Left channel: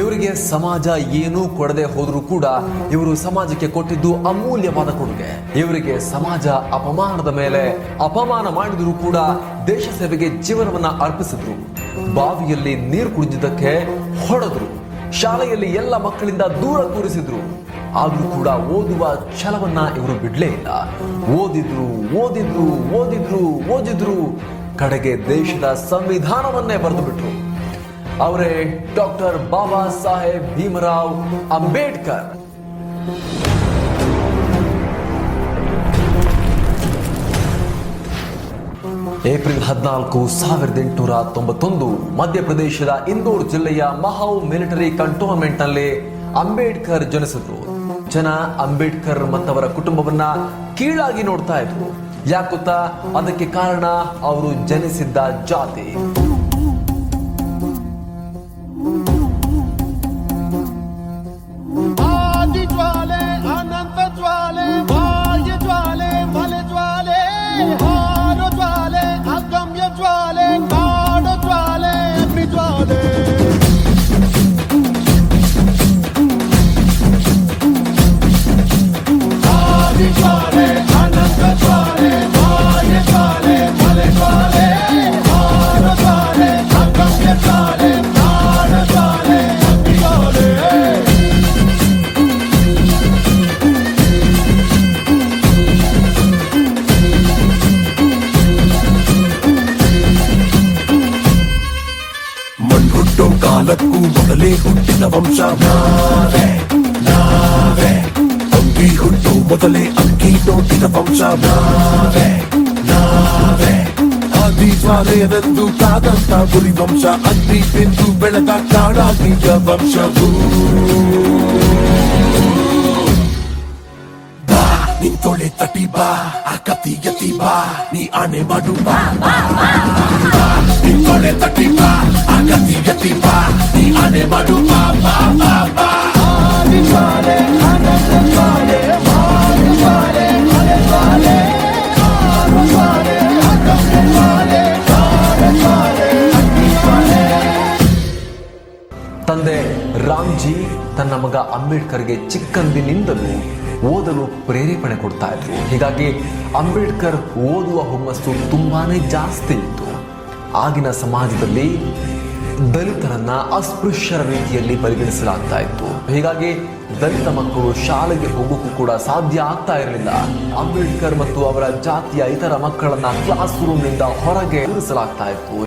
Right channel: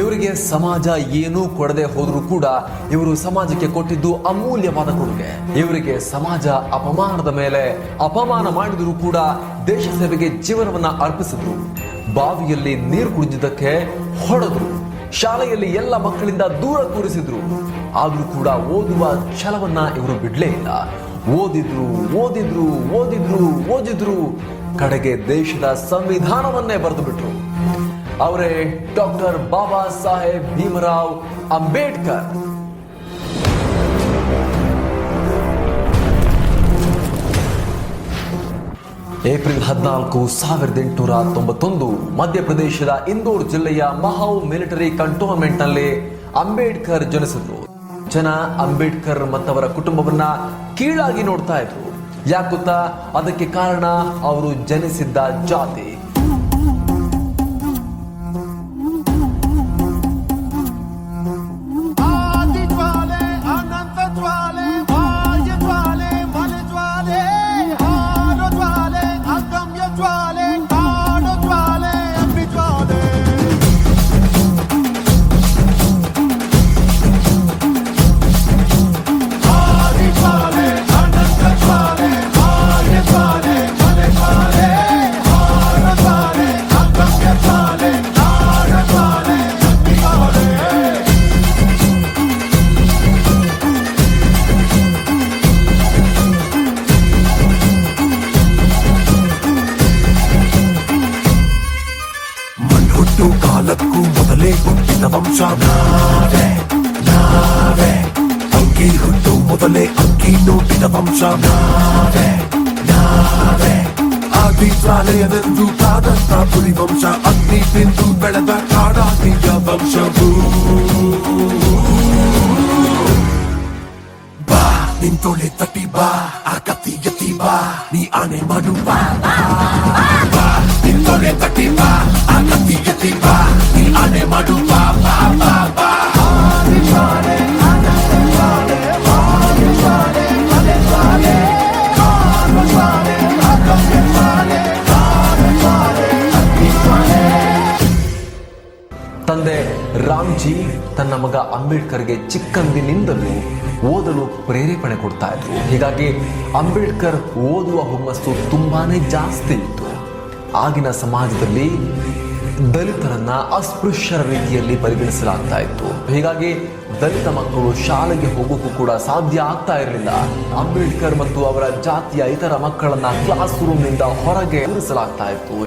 ಇವರಿಗೆ ಸಮಾಜ ಏನೂ ಕೊಡದೆ ಹೋದ್ರೂ ಕೂಡ ಇವರು ಸಮಾಜಕ್ಕೆ ಕೊಟ್ಟಿದ್ದು ಅಮೂಲ್ಯವಾದ ಕೊಡುಗೆ. ಇವರಿಗೆ ಸಮಾಜ ಅಪಮಾನದ ಮೇಲೆ ಅಪಮಾನ ಮಾಡಿದ್ರು ಕೂಡ ದೇಶ ಸೇವೆಗೆ ಜೀವನವನ್ನ ಅರ್ಪಿಸಿದ್ರು. ಬಾವಿಯಲ್ಲಿ ನೀರು ಕುಡಿದಿದ್ದಕ್ಕೆ ಹೊಡೆದ್ರು, ಶಾಲೆಯಲ್ಲಿ ಎಲ್ಲ ಮಕ್ಕಳಿಂದ ದೂರ ಕೂರಿಸಿದ್ರು. ಆದ್ರೂ ಕೂಡ ಓದುವ ಛಲವನ್ನ ಇವರು ಬಿಡ್ಲೇ ಇಲ್ಲ. ಓದಿದ್ರು ಓದಿದ್ರು ಓದಿದ್ರು ಓದಿದ್ರು ಕಡೆಗೆ ದೇಶದ ಸಂವಿಧಾನವನ್ನೇ ಬರೆದು ಬಿಟ್ರು. ಅವರೇ ಡಾಕ್ಟರ್ ಬಾಬಾ ಸಾಹೇಬ್ ಭೀಮರಾವ್ ಅಂಬೇಡ್ಕರ್. ಏಪ್ರಿಲ್ 14, 1891 ಮಧ್ಯಪ್ರದೇಶದ ಇಂದೋರ್ ಜಿಲ್ಲೆಯ ಮಹೌ ಮಿಲಿಟರಿ ಕಂಟೋನ್ಮೆಂಟ್ ನಲ್ಲಿ ಅಂಬೇಡ್ಕರ್ ಜನಿಸಿದ್ರು. ಜನ ಅಂಬೇಡ್ಕರ್ ಮತ್ತವರ ಕುಟುಂಬವನ್ನ ಕೀಳಾಗಿ ನೋಡ್ತಾ ಇದ್ರು. ಯಾಕೊತ್ತಾ? ಅದಕ್ಕೆ ಕಾರಣ ಅವರು ಜನಿಸಿದ್ದ ಜಾತಿ. ಆದಿ ಜ್ವಾಲೆ, ಅನಂತ ಜ್ವಾಲೆ, ಬಾಹ್ಯ ಜ್ವಾಲೆ, ಮಲೆ ಜ್ವಾಲೆ, ಹಾರೋ ಜ್ವಾಲೆ, ಅಗಮ್ಯ ಜ್ವಾಲೆ, ಕಾಡು ಜ್ವಾಲೆ, ಅಗ್ನಿ ಜ್ವಾಲೆ. ಆದಿ ಜ್ವಾಲೆ, ಅನಂತ ಜ್ವಾಲೆ, ಬಾಹ್ಯ ಜ್ವಾಲೆ, ಮಲೆ ಜ್ವಾಲೆ, ಹಾರೋ ಜ್ವಾಲೆ, ಅಗಮ್ಯ ಜ್ವಾಲೆ, ಕಾಡು ಜ್ವಾಲೆ, ಅಗ್ನಿ ಜ್ವಾಲೆ. ಮಣ್ಣುಟ್ಟೋ ಕಾಲಕ್ಕೂ ಮೊದಲೇ ಹುಟ್ಟಿದ ವಂಶ ನಾವೇ, ನಾವೇ. ಅಂಗಿ ಹುಟ್ಟು ಮೊದಲೇ ಅಂಗಿ ನೋಡಿದ ವಂಶ ನಾವೇ, ನಾವೇ. ಆದಿ ಜ್ವಾಲೆಯನೆಂದು ಕಾದಂತ ಗುರಿ ವಂಶ, ಅಗ್ನಿ ತಿಂದು ಬೆಳೆದ ಕಾಡಾಗ್ನಿಯ ವಂಶವು. ಬಾ ನಿಂತೊಳೆ ತಟಿ ಬಾ, ಆ ಕತ್ತಿ ಎತ್ತಿ ಬಾ, ನೀ ಆಣೆ ಮಾಡು ಬಾ. ಬಾ ನಿಂತೊಳೆ ತಟಿ ಬಾ, ಆ ಕತ್ತಿ ಎತ್ತಿ ಬಾ, ನೀ ಆಣೆ ಮಾಡು ಬಾ. ಆದಿ ಜ್ವಾಲೆ, ಅನಂತ ಜ್ವಾಲೆ, ಬಾಹ್ಯ ಜ್ವಾಲೆ, ಮಲೆ ಜ್ವಾಲೆ, ಹಾರೋ ಜ್ವಾಲೆ, ಅಗಮ್ಯ ಜ್ವಾಲೆ, ಕಾಡು ಜ್ವಾಲೆ, ಅಗ್ನಿ ಜ್ವಾಲೆ. ತಂದೆ ರಾಮ್ಜಿ ತನ್ನ ಮಗ ಅಂಬೇಡ್ಕರ್ಗೆ ಚಿಕ್ಕಂದಿನಿಂದಲೂ ಓದಲು ಪ್ರೇರೇಪಣೆ ಕೊಡ್ತಾ ಇದ್ರು. ಹೀಗಾಗಿ ಅಂಬೇಡ್ಕರ್ ಓದುವ ಹುಮ್ಮಸ್ಸು ತುಂಬಾನೇ ಜಾಸ್ತಿ ಇತ್ತು. ಆಗಿನ ಸಮಾಜದಲ್ಲಿ ದಲಿತರನ್ನ ಅಸ್ಪೃಶ್ಯರ ರೀತಿಯಲ್ಲಿ ಪರಿಗಣಿಸಲಾಗ್ತಾ ಇತ್ತು. ಹೀಗಾಗಿ ದಲಿತ ಮಕ್ಕಳು ಶಾಲೆಗೆ ಹೋಗೋಕ್ಕೂ ಕೂಡ ಸಾಧ್ಯ ಆಗ್ತಾ ಇರಲಿಲ್ಲ. ಅಂಬೇಡ್ಕರ್ ಮತ್ತು ಅವರ ಜಾತಿಯ ಇತರ ಮಕ್ಕಳನ್ನ ಕ್ಲಾಸ್ ರೂಮ್ನಿಂದ ಹೊರಗೆ ಇರಿಸಲಾಗ್ತಾ ಇತ್ತು.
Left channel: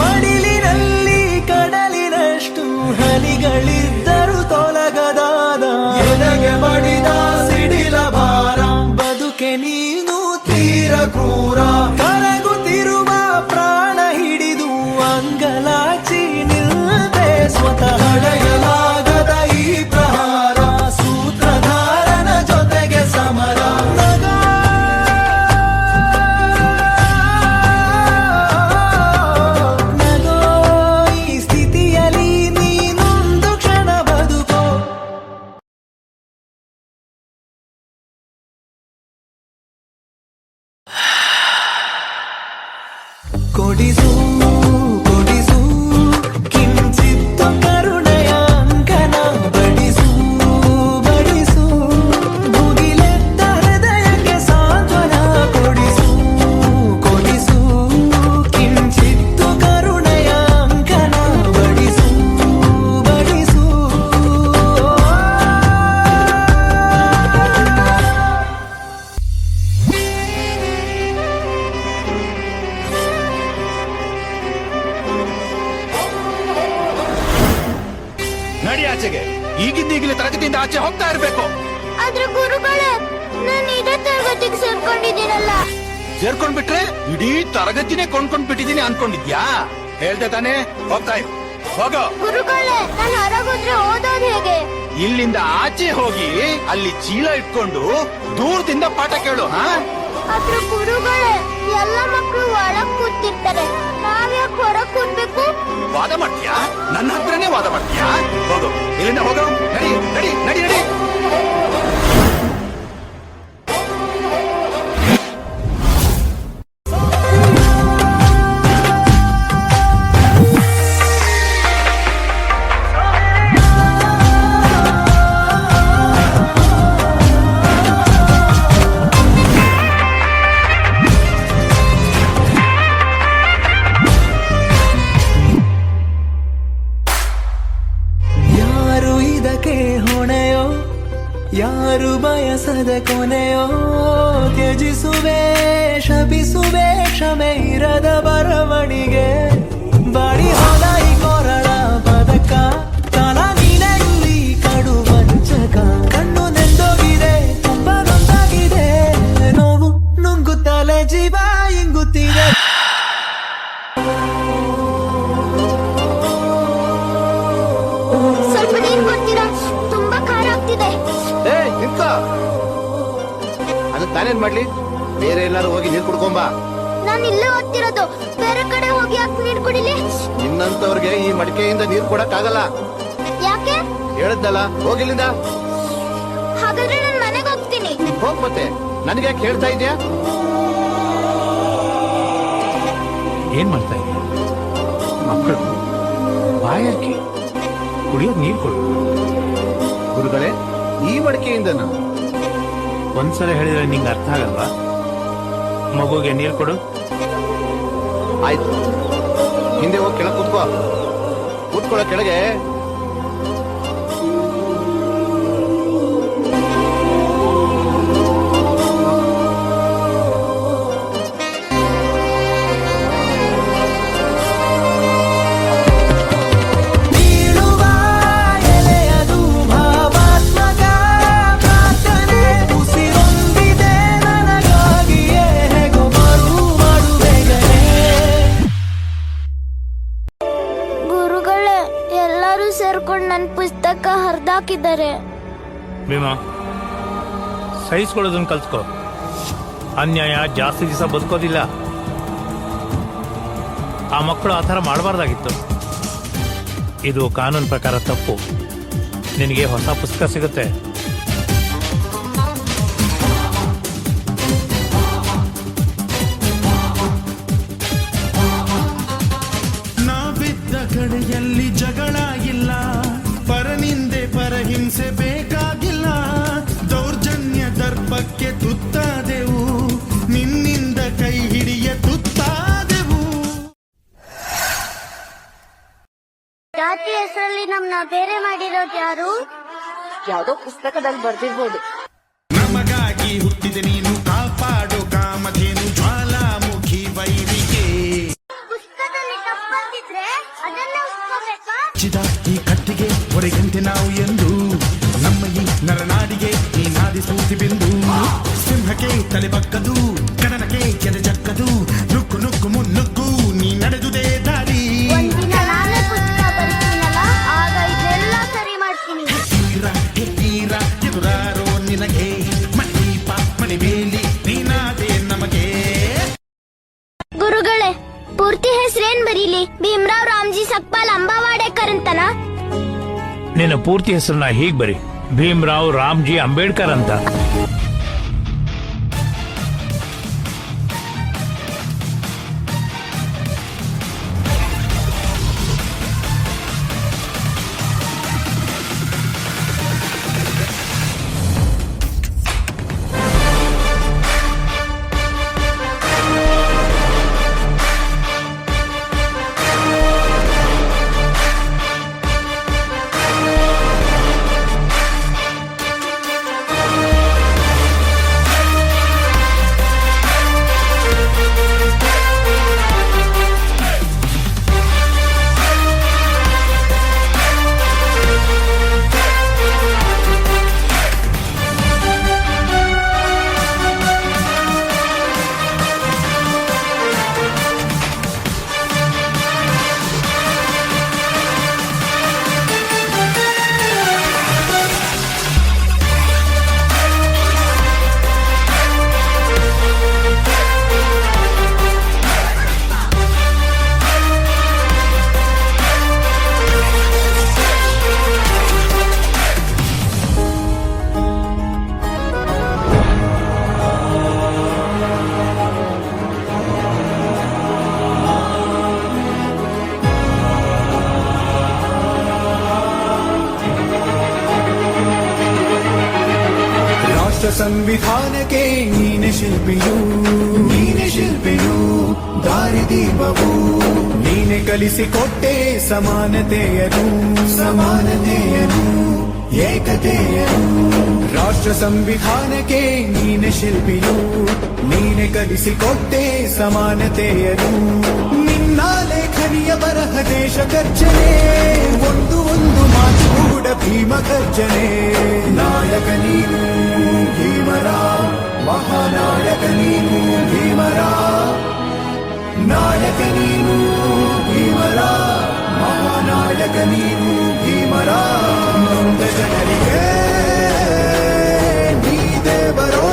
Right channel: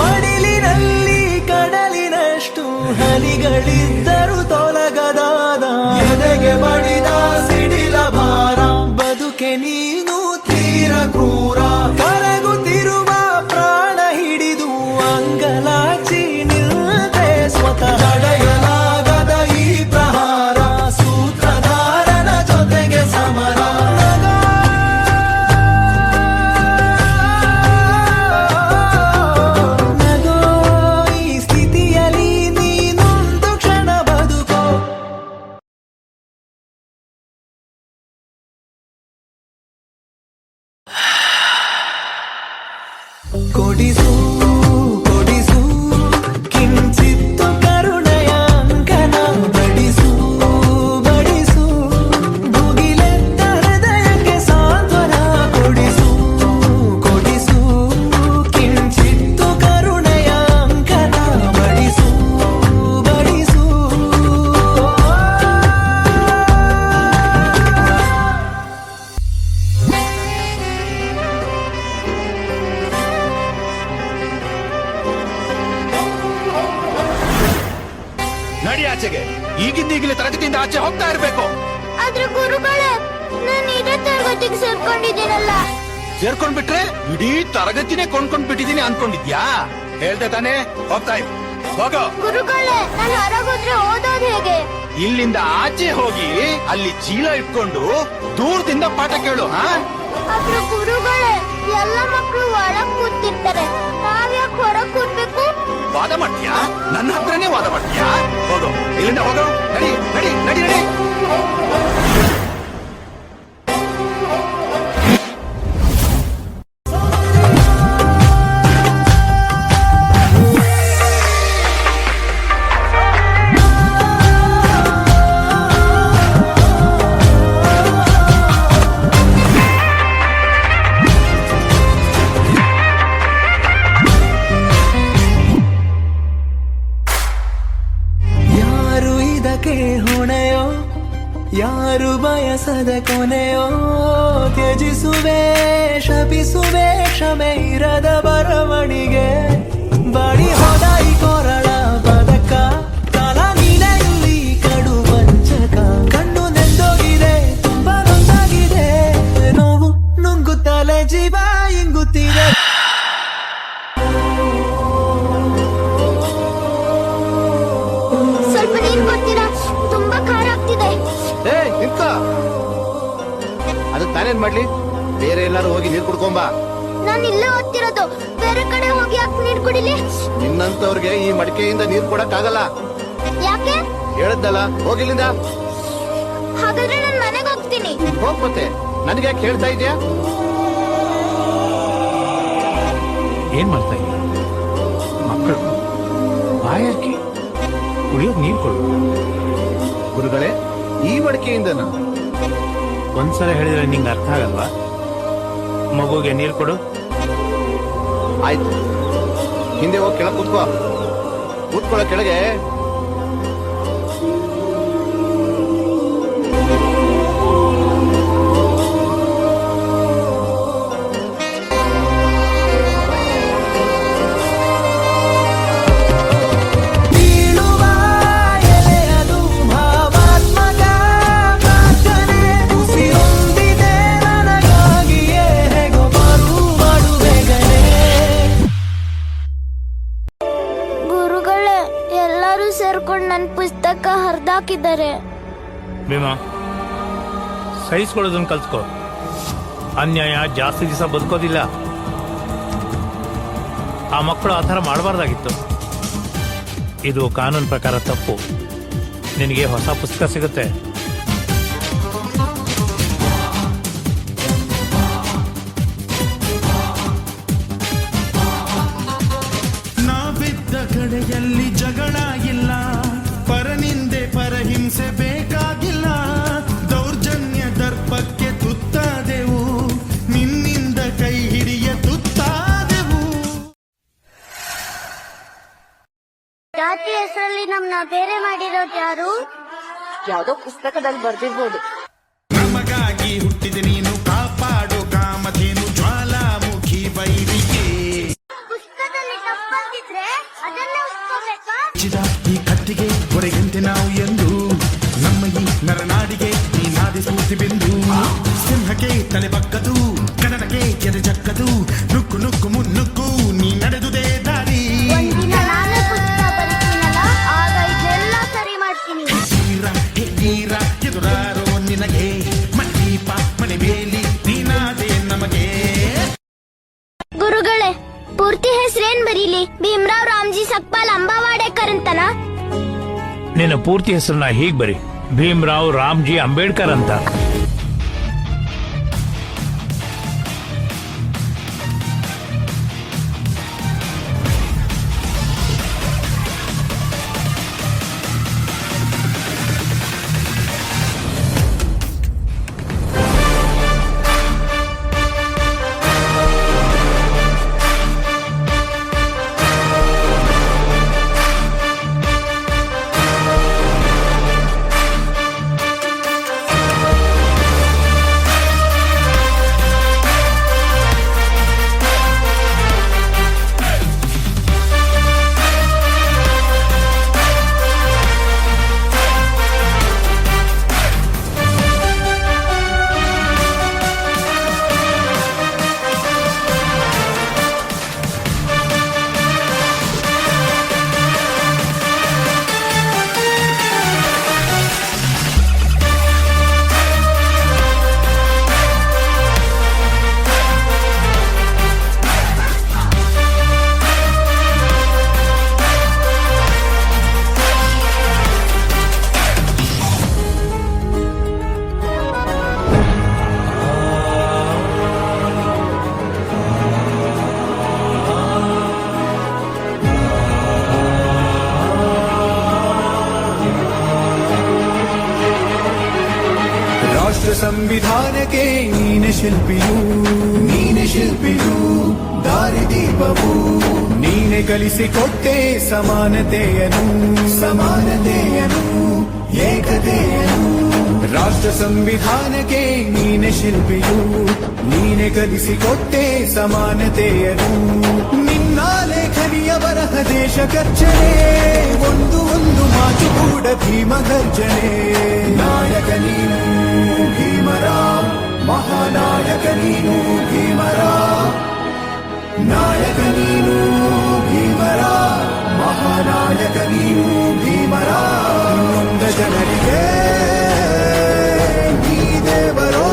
ಮಡಿಲಿನಲ್ಲಿ ಕಡಲಿನಷ್ಟು ಹನಿಗಳಿದ್ದರೂ ತೊಲಗದಾದ ಎದೆಗೆ ಬಡಿದ ಸಿಡಿಲ ಭಾರ, ಬದುಕೆ ನೀನು ತೀರ ಕ್ರೂರ. ಕರಗುತ್ತಿರುವ ಪ್ರಾಣ ಹಿಡಿದು ಅಂಗಲಾಚಿ ನಿಲ್ತೆ ಸ್ವತಃ. ತಡೆಯಲಾಗದ ಈ ಪ್ರಹಾರ, ಸೂತ್ರಧಾರನ ಜೊತೆಗೆ ಸಮರ. ನಗೋ ಈ ಸ್ಥಿತಿಯಲ್ಲಿ ನೀನೊಂದು ಕ್ಷಣ ಬದುಕೋ. ಕೊಡಿಸು ಕೊಡಿಸು ಕಿಂಚಿತ್ತು ಕರುಣೆಯ ಅಂಕನ, ಬಡಿಸು ಬಡಿಸು ಭುಗಿಲೆದ್ದ ಹೃದಯಕ್ಕೆ ಸಾಂತ್ವನ. ಕೊಡಿಸು ಕೊಡಿಸು ಕಿಂಚಿತ್ತು ಕರುಣೆಯ ಅಂಕನ, ಬಡಿಸು ಬಡಿಸು. ನಡಿ ಆಚೆಗೆ. ಈಗಿಂದೀಗಲೇ ತರಗತಿಯಿಂದ ಆಚೆ ಹೋಗ್ತಾ ಇರ್ಬೇಕು. ಆದ್ರೆ ಗುರುಗಳೇ, ನಾನು ಇದೇ ತರಗತಿಗೆ ಸೇರ್ಕೊಂಡಿದ್ದೀನಲ್ಲ. ಸೇರ್ಕೊಂಡ್ಬಿಟ್ರೆ ಇಡೀ ತರಗತಿನೇ ಕೊಂಡ್ಕೊಂಡ್ ಬಿಟ್ಟಿದೀನಿ ಅನ್ಕೊಂಡಿದ್ಯಾ? ಹೇಳ್ದೆ ತಾನೇ, ಹೋಗ್ತಾ ಇರು. ಹೋಗೋ. ಗುರುಗಳೇ, ನಾನು ಹೊರಗೋದ್ರೆ ಓದೋದು ಹೇಗೆ? ಇಲ್ಲಿಂದ ಆಚೆ ಹೋಗಿ ಅಲ್ಲಿ ಚೀಲ ಇಟ್ಕೊಂಡು ದೂರದಿಂದ ಪಾಠ ಕೇಳು. ಆದ್ರೆ ಗುರುಗಳೇ, ಎಲ್ಲ ಮಕ್ಕಳು ಒಳಗ್ ಕೂತಿರ್ತಾರೆ, ನಾವ್ಯಾಕೆ ಹೊರಗ್ ಕೂರ್ಬೇಕು? ವಾದ ಮಾಡ್ತೀಯಾ? ನನ್ನ ಹತ್ರನೇ ವಾದ ಮಾಡ್ತೀಯಾ? ಹೋಗೋ, ಇಲ್ಲಿಂದ ಹೋಗೋ. ನಡಿ ನಡಿ ನಡಿ ನಡಿ. ಹೊಣೆಯೋ ಯಾರು ಬಯಸದ ಕೊನೆಯೋ ತ್ಯಜಿಸುವೆ ಶಪಿಸುವೆ ಕ್ಷಮೆ ಇರದ ಬರವಣಿಗೆ ಬಾಡಿ ಹೋದ ಈ ಕೊರಳ ಪದಕ ಕಾಲ ನೀನೆ ಇಲ್ಲಿ ಕಡು ವಂಚಕ ಕಣ್ಣು ನೆಂದೋಗಿದೆ ತುಂಬಾ ನೊಂದಾಗಿದೆ ನೋವು ನುಂಗುತ್ತಲೇ ಜೀವ ಇಂಗುತ್ತಿದೆ ಸ್ವಲ್ಪ ನೀರ್ ಕೊಡ್ತೀರಾ? ತುಂಬಾ ಖಾರ ಆಗ್ತಿದೆ. ಏ ನಿಂತ ಅದಕ್ಕೆ ನಾನೇನ್ ಮಾಡ್ಲಿ? ಬೇರೆ ಎಲ್ಲಾರು ಹೋಗಿ ನೀರ್ ಕುಡ್ಕೊಂಬ. ನಾನ್ ಇಲ್ಲೇ ಓದ್ತಿರೋದು, ಬೇರೆ ಕಡೆ ಹೋಗಿ ಯಾಕೆ ನೀರ್ ಕುಡಿಲಿ? ನಿನ್ನಂತವ್ರಿಗೆ ಈ ಮಡಿಕೆಯಿಂದ ನೀರ್ ಕೊಡಕ್ ಆಗಲ್ಲ. ಯಾಕೆ? ಹೇಳದ್ದಲ್ಲ, ಹೋಗಿಲ್ಲಿಂದ. ಹಾಗಾದ್ರೆ ನಾನ್ ಮನೆಗೆ ಹೋಗ್ತೀನಿ. ಹೋಗ್ ಮತ್ತೆ, ನನಗೆ ಯಾಕೆ ಹೇಳ್ತಾ ಇದ್ಯಾ? ಏನ್ ಮಾಡ್ತಾ ಇದ್ದೀಯ? ಮಕ್ಕಳು ಬಾಯಾರಿಕೆ, ಕುಡಿಯೋದ್ ನೀರ್ ಕೊಡು. ಗುರುಗಳೇ, ಈ ಮಡಿಕೆಯಿಂದ ಒಂದ್ಸಲ ಹೇಳಿದ್ರೆ ನಿಂಗೆ ಅರ್ಥ ಆಗಲ್ವಾ? ಮಗುಗೆ ನೀರ್ ಕೊಡು. ಆಯ್ತು, ಹಿಂದೆ ಹೋಗಿ ಕೆಳಗೆ ಕೂತ್ಕೋ. ಕೂತ್ಕೊಳ್ಳೋ ಕೆಳಗೆ. ಬೀಳುವ ಎಲೆಯದು ಭಾವಾತ್ಮಕ ಪ್ರಾರ್ಥನೆ ಉಸಿರೊಂದಿದೆ ನನಗಾಗಿಯೇ ಹೇಗೋ ಬರು ಮಾಡು ಬೇಗನೆ ಗುರುಗಳೇ, ಎಲ್ಲರೂ ಸೇರ್ಕೊಂಡು ನನ್ ಪುಸ್ತಕ ಹರಿದಾಕಿದ್ದಾರೆ. ಭೀಮಾ, ಸಹಿಸ್ಕೊಳ್ಳೋದನ್ನ ಕಲ್ತ್ಕೋ. ಅನ್ಯಾಯ ಜಾಸ್ತಿ ದಿವಸ ಬದುಕೋದಿಲ್ಲ. ಆ ಮಕ್ಕಳು ಆ ಥರ ಮಾಡಬಾರ್ದಾಗಿತ್ತು. ಇದು ಕಾನೂನು ಪ್ರಕಾರ ತಪ್ಪು. ನಿನಗೆ ಹೊಸ ಪುಸ್ತಕ ಸಿಗುತ್ತೆ. ನಾವಿದ್ದ ಕಡೆಯಲ್ಲಿ ಜಗಳ ಇಲ್ಲ, ಪರನಿಂದೆ ಪರಹಿಂಸೆ ಬೇಕಾಗಿಲ್ಲ. ದೌರ್ಜನ್ಯ ದರ್ಪಕ್ಕೆ ತುತ್ತಾದೆವು, ನಿನ್ನಿಂದ ಕೈ ಹಿಡಿಯ ತುತ್ತಾದೆವು. ಜಾತಿ ಹೆಸರಲ್ಲಿ ನಮ್ನ ಬೇರೆ ಮಾಡಿರೋದು ಯಾರು? ಯಾವ್ದೋ ಪುಸ್ತಕದಲ್ಲಿ ಬರ್ದಿರ್ಬೋದು. ನಮಗಾಗಿ ಹುಟ್ಟಿದ ನೀನು, ಕಾಪಾಡೋ ಕಾಮಧೇನು ಜ್ವಾಲಾಮುಖಿ ವೈರಿಕೆ. ಪುಸ್ತಕದಲ್ಲಿ ತಪ್ಪಂತಿದ್ರೆ ಅದನ್ನೇ ಉಸ್ಕೋಬೇಕಾ? ಚಿದ ಈ ಕಟ್ಟಿಗೆ ಹೊರಗಂತೆ ನಾವು ಎಂದು, ನಮ್ಮ ಈ ನರನಾಡಿಗೆ ಈ ನಾದಿ ಸ್ಫೂರ್ತಿ ಬಿಂದು. ಸಿಂಹಕ್ಕೆ ತಲೆ ಬಕ್ಕದು, ಕಡನಕ್ಕೆ ಕೆರೆ ಜಕ್ಕದು, ನುಕ್ಕು ನುಕ್ಕು ಮುನ್ನುಕ್ಕು ನೀ ನಡೆದುದೇ ದಾರಿ. ಒಂದಿನ ನಾನೇ ಪುಸ್ತಕ ಬರೀತೀನಲ್ಲ, ಆಗ ಇದೆಲ್ಲ ಸರಿ ಮಾಡ್ತೀನಿ. ಹೆಗ್ಗೀರ ಎದುರಾರೋ ನಿನಗೆ, ಮಣದೀಪ ಮನೆ ಬೇಲಿ ನೀನಾದೆ ನಮಗೆ. ಗುರುಗಳೇ, ಪೂರ್ತಿ ಹೆಸರೇನ್ ಬರೀಲಿ? ಭೀಮರಾವ್ ರಾಮ್ಜಿ ಸಕ್ಪಾಲ್ ಅಂಬಾವಾಡೇಕರ್ ಅಂತನ? ನಿನ್ನ ಪೂರ್ತಿ ಹೆಸರನ್ನ ಹೀಗ್ ಬರಿ, ಭೀಮರಾವ್ ರಾಮ್ಜಿ ಅಂಬೇಡ್ಕರ್ ಅಂತ. ಸಂವಿಧಾನಕ್ಕೆ ನೀನೆ ಶಿಲ್ಪಿಯು ದಾರಿದೀಪವು ನೀನೆ ಕಲಿಸಿಕೊಟ್ಟೆ ಸಮಾನತೆಯನು ಏಕತೆಯನು ರಾಷ್ಟ್ರ ಸಂವಿಧಾನಕ್ಕೆ ನೀನೆ ಶಿಲ್ಪಿಯು ನೀನೆ ಕಲಿಸಿಕೊಟ್ಟೆ ಸಮಾನತೆಯನು ನಿನ್ನ ಲೇಖನಿಯ ಬರಹ ದೇಶ ಖರ್ಚನೆ ಒಂದು ಮಾತು ಕೂಡ ಭೀಮ ಗರ್ಜನೆ ನಾಯಕ ನೀನು ಭೀಮರ ಮಹಾನಾಯಕ ನೀನು ಭೀಮರ ನಾಯಕ ನೀನು ಭೀಮರ ಮಹಾನಾಯಕ ನೀನು ಭೀಮರ ನೊಂದ ಜನರಿಗೆ ನೀ ದೇವರೋ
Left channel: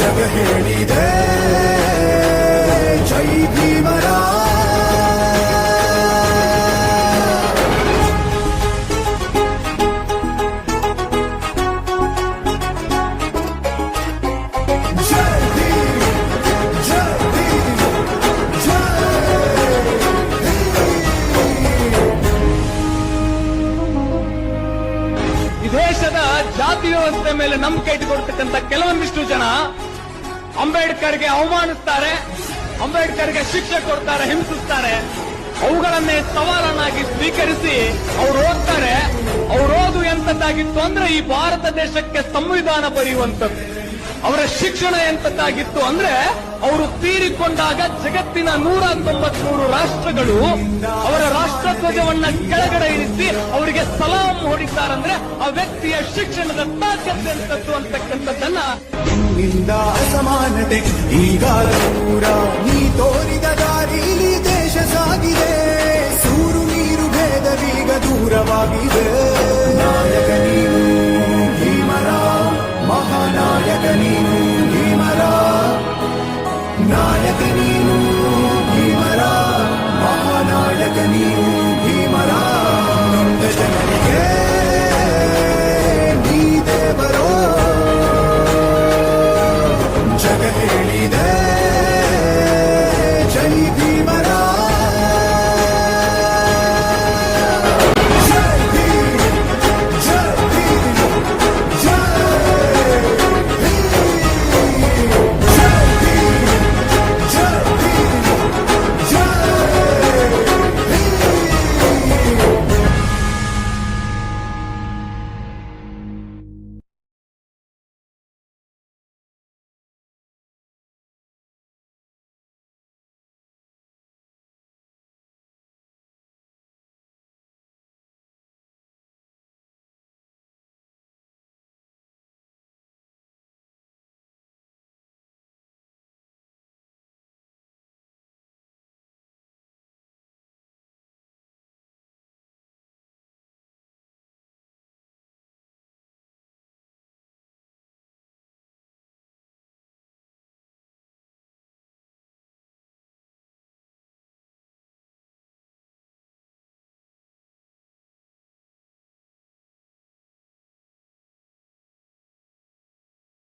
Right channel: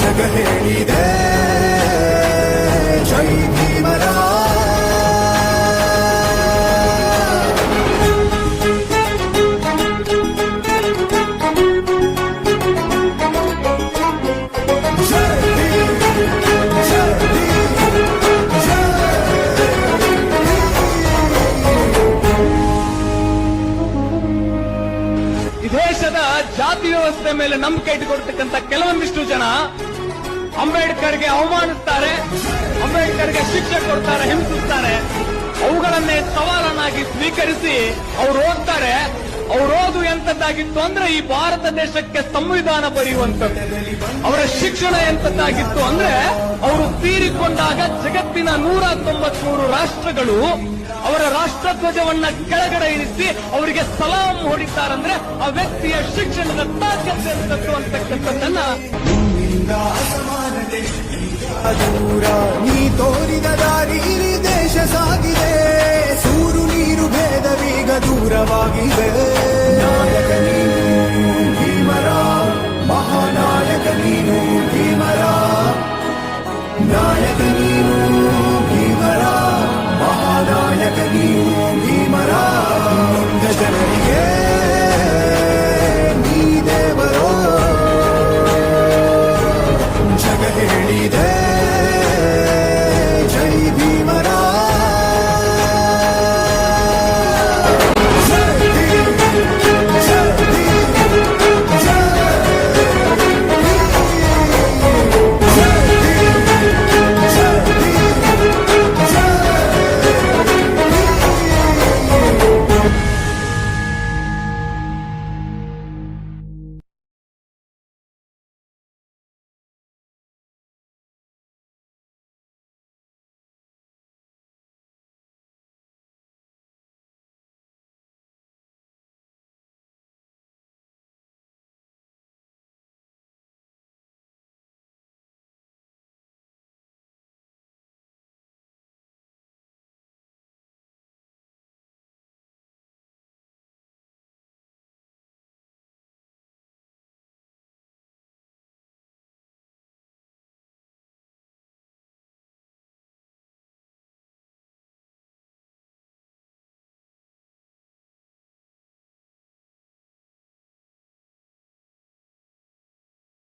ಜಗ ಹೇಳಿದೆ ಜೈ ಭೀಮರ ಈ ದೇಶದ ಜಾತಿ ವ್ಯವಸ್ಥೆ ಮೇಲೆ ನಂಬಿಕೆ ಇಟ್ಟುಕೊಡ್ತಕ್ಕಂಥ ಕೆಲವೊಂದಿಷ್ಟು ಜನ ಅಂಬೇಡ್ಕರ್ಗೆ ಅವಮಾನಿಸ್ತಾರೆ, ಅಂಬೇಡ್ಕರ್ಗೆ ಶಿಕ್ಷೆ ಕೊಡ್ತಾರೆ, ಹಿಂಸಿಸ್ತಾರೆ. ಅವುಗಳನ್ನೇ ಸವಾಲನ್ನಾಗಿ ಸ್ವೀಕರಿಸಿ ಅವ್ರು ಓದ್ತಾರೆ. ಅವ್ರು ಓದು ಎಂತದ್ದಾಗಿತ್ತು ಅಂದ್ರೆ ಈ ಭಾರತ ದೇಶಕ್ಕೆ ಸಂವಿಧಾನ ಬರೆಯುವಂಥದ್ದು. ಅವರ ಶಿಕ್ಷಣ ಎಂತದ್ದಾಗಿತ್ತು ಅಂದ್ರೆ ಅವರು ತೀರಿಕೊಂಡಾಗ ಜಗತ್ತಿನ 193 ರಾಷ್ಟ್ರಗಳು ಅವರ ರಾಷ್ಟ್ರಧ್ವಜವನ್ನ ಕೆಳಗಡೆ ಇರಿಸಿ ಅವರಿಗೆ ಸಲಾಂ ಹೊಡಿತಾರಂದ್ರೆ ಆ ವ್ಯಕ್ತಿಯ ಶಿಕ್ಷಣದ ತಾಕತ್ತು ಎಂತದ್ದು ಅಂತಕ್ಕಂಥದ್ದನ್ನ ನಿನ್ನಿಂದ ಅಸಮಾನತೆ ಈಗ ದೂರ ನೀ ತೋರಿದ ದಾರಿಲಿ ದೇಶ ಸಾಗಿದೆ ಸೂರು ನೀರು ಭೇದವೀಗ ದೂರವಾಗಿದೆ